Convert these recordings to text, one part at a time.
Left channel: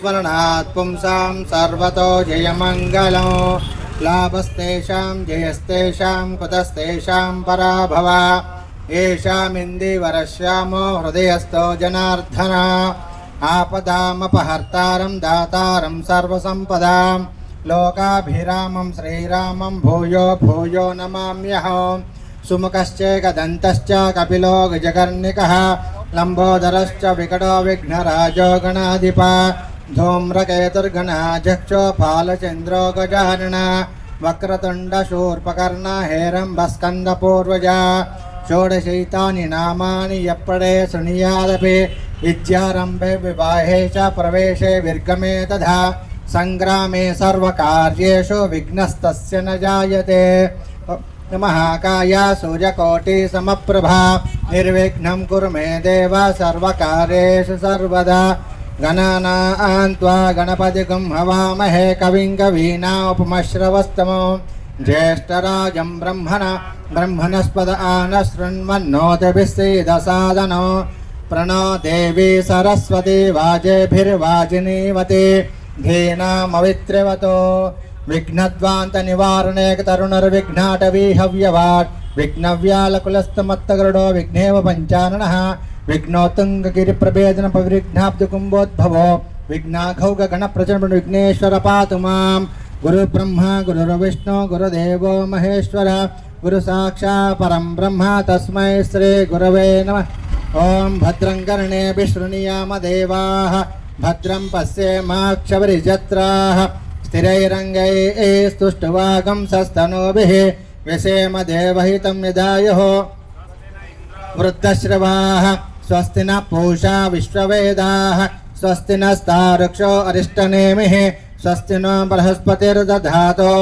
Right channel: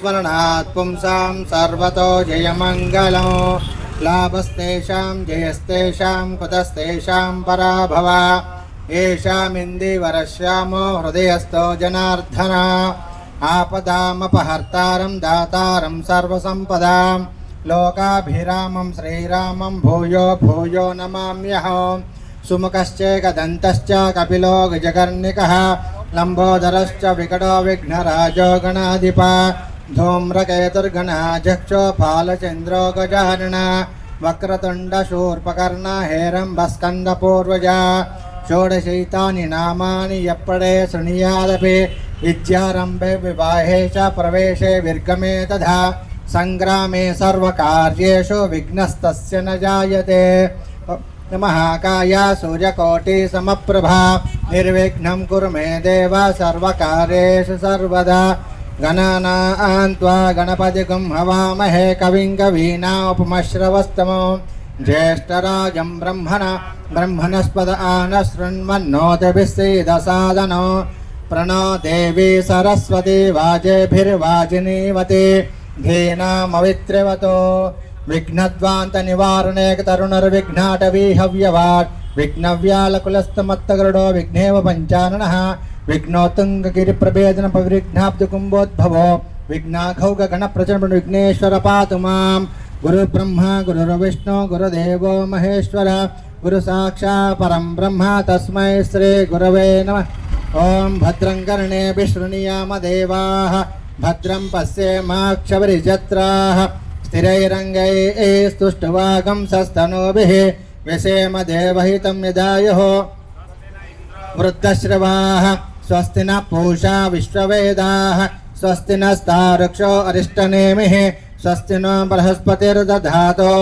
स्मरणात् पुंसां सर्वतो जयमङ्गलं लाभस्तेषां जयस्तेषां कुतस्तेषां पराभव येषामिन्दीवरश्यामो हृदयस्थो जनार्दन आपदामपहर्तारं दातारं सर्वसम्पदां लोकाभिरामं श्रीरामं भूयो भूयो नमाम्यहं सुमुखश्चैकदन्तश्च कपिलो गजकर्णिकः लंबोदरश्च विकटो विघ्नराजो गणाधिप धूम्रकेतुर्गणाध्यक्षो फालचन्द्रो गजानन वक्रतुण्डशूर्पकर्ण हेरम्बस्कन्दपूर्वजा षोडशैतानि नामानि यप्पडे शृणुयादपि विद्यारम्भे विवाहे च प्रवेशे विर्गमे तथा सङ्ग्रामे सर्वकार्येषु विघ्नस्तस्य न जायते महाकाय सूर्यकोटि समप्रभा निर्विघ्नं कुरु मे देव सर्वकार्येषु सर्वदा गणानां त्वा गणपतिं हवामहे कविं कवीनामुपमश्रवस्तमो ज्येष्ठराजं ब्रह्मणस्पद आनशृण्वन्नोतिभिस्सीदसादनो प्रणो देवी सरस्वती वाजेभिर्वाजिनीवती धेनामवित्रिवतो विघ्नद्वांत निवारणे तरुणर्विघ्नाटवी हव्यवाट् विघ्नव्यालकुलस्तमत्तगरुडो विघ्नेव पञ्चाननः विघ्नोत्तुङ्गगिरिप्रभेदन पविघ्नाब्दकुम्भोद्भवो विघ्नाघौग गणप्रचण्ड विघ्नेश्वर पातु मां गुरुब्रह्मा गुरुर्विष्णु गुरुदेवो महेश्वर गुरुसाक्षात् परं ब्रह्म तस्मै श्री गुरवे नमः। ओं भद्रं कर्णेभिः शृणुयाम देवाः भद्रं पश्येमाक्षभिर्यजत्राः स्थिरैरङ्गैः स्तुष्टुवागं सस्तनूभिः व्यसेम देवहितं निधायुः वृद्धश्रवाः स्वस्ति न पूषा विश्ववेदाः स्वस्ति नस्तार्क्ष्यो अरिष्टनेमिः स्वस्ति नो बृहस्पतिर्दधातो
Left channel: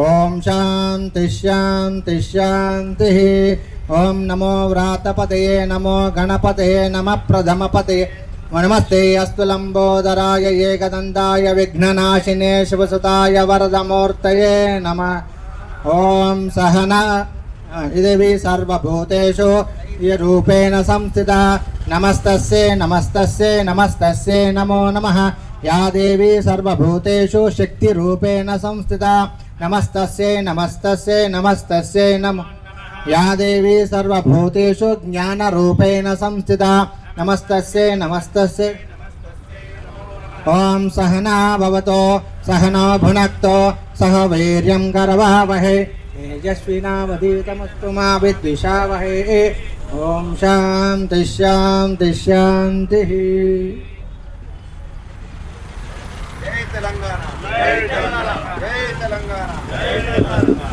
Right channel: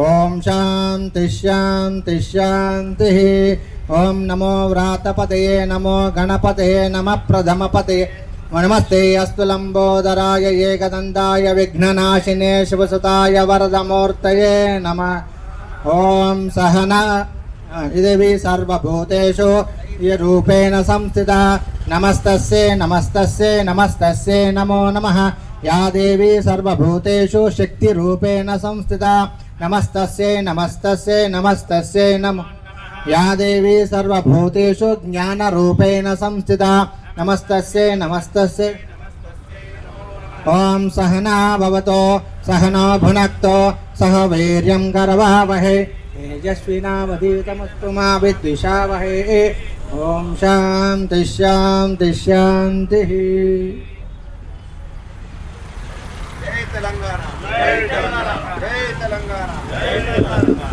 ॐ शान्ति शान्ति शान्तिः। ॐ नमो व्रातपतये नमो गणपतये नमः प्रथमपतये नमस्ते अस्तु लंबोदराय एकदन्ताय विघ्ननाशिने शिवसुताय वरदमूर्तये नमः। ओम सहना देवी सर्वभूतेषु रूपेण संस्थिता नमस्तस्यै नमस्तस्यै नमस्तस्यै नमो नमः। या देवी सर्वभूतेषु शक्तिरूपेण संस्थिता नमस्तस्यै नमस्तस्यै नमस्तस्यै नमः। या देवी सर्वभूतेषु ज्ञानरूपेण संस्थिता नमस्तस्यै नमस्तस्यै। ओम सहना भवतो सहना भुनक्तो सह वीर्यं करवावहै तेजस्विनावधीतमस्तु मा विद्विषावहै। ओम शान्ति शान्ति शान्तिः। जय तेलंगाना जय तेलंगाना जय तेलंगाना जय तेलंगाना।